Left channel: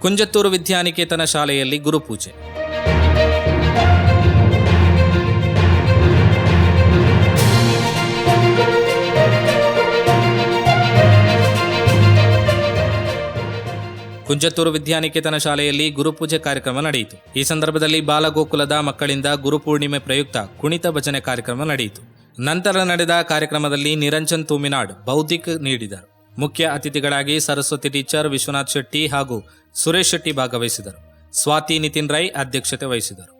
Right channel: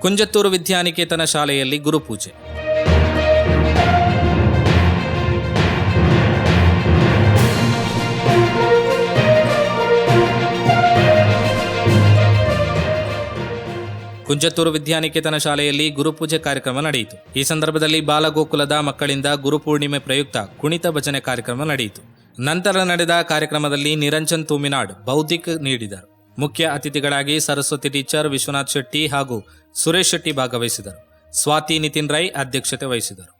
ಕುಂಜತ್ತೂರು ವಿದ್ಯಾನಿಕೇತನ ಶಾಲೆಯಲ್ಲಿ ಗುರುಪೂಜೆ. ಕುಂಜತ್ತೂರು ವಿದ್ಯಾನಿಕೇತನ ಶಾಲೆಯಲ್ಲಿ ಗುರುಪೂಜೆ ಕಾರ್ಯಕ್ರಮ ನಡೆಯಿತು. ಈ ಸಂದರ್ಭದಲ್ಲಿ ಬಾಲಗೋಕುಲದ ಮಕ್ಕಳಿಂದ ಗುರುಪೂರ್ಣಿಮೆ ಪ್ರಯುಕ್ತ ಕುಣಿತ ಭಜನೆ ಕಾರ್ಯಕ್ರಮ ನಡೆಯಿತು. ನಂತರ ನಡೆದ ಕಾರ್ಯಕ್ರಮದಲ್ಲಿ ನಿರಂಜನ್ ತೂಮಿನಾಡ್ ಬೌದ್ಧಿಕ ನೀಡಿದರು. ಮುಖ್ಯ ಅತಿಥಿಗಳಾಗಿ ಸರಸ್ವತಿ ಟೀಚರ್ ವಿಶ್ವನಾಥ್ ಶೆಟ್ಟಿ ಹಾಗೂ ಸುರೇಶ್ ಶೆಟ್ಟಿ ಭಾಗವಹಿಸಿದರು. ಸ್ವಾತಿ ನಿತಿನ್ ರೈ ಅಧ್ಯಕ್ಷತೆ ವಹಿಸಿದರು.